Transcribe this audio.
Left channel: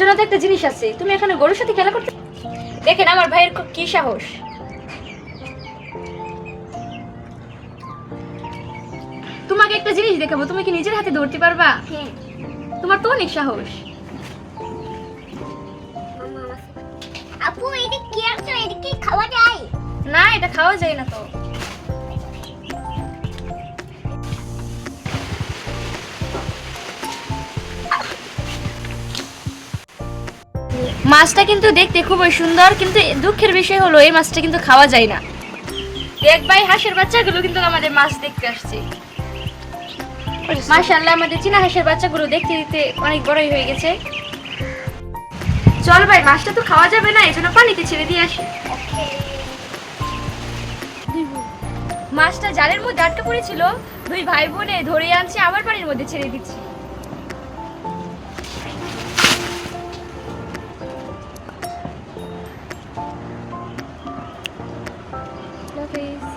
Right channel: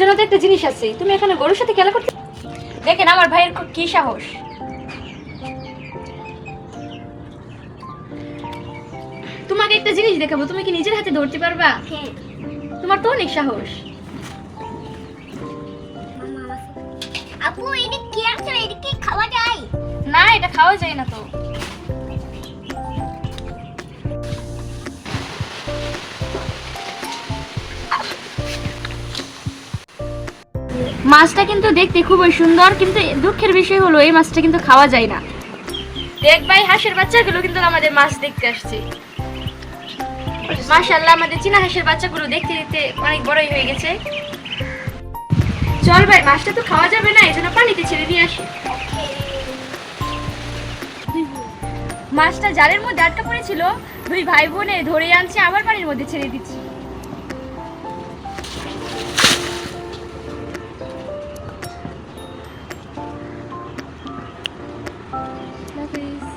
জন্য তো একটা জিনিস আছে, তুমি এখানে গরুর সাথে খেলা করতে। দেখেন আমার ভাইয়ের কি সাহস। তোমাকে একটা জিনিস দেখাবো, তুমি কি নিজের হাতে ধরতে পারবা? হ্যাঁ। তোমার তো অনেক সাহস। আপু এটা কি আছে? এটা কি খাওয়া যায়? না, এটা খাওয়া যায় না তো। মাছটা কিন্তু দেখতে খুবই সুন্দর, কিন্তু দুঃখের বিষয় হলো এই মাছটা কিন্তু খাওয়া যায় না। দেখ ভাই, হাঁসের বাচ্চাগুলো কিন্তু আমাদের মাছ দেখতে আসছে। মাশাআল্লাহ, আমাদের চীনা হাঁসের বাচ্চাগুলো দেখতে দেখতে অনেক বড়ই হয়ে গেছে। চল ভাই, মাছটা তো খাওয়া যাবে না, এজন্য পানিতে ছেড়ে দিয়ে আসি। মাছটা জালের মধ্যে আটকা পড়েছিল, দুই ভাই বোনে ধরে আনছে, আবার পানির মধ্যে ছেড়ে দিচ্ছি। Love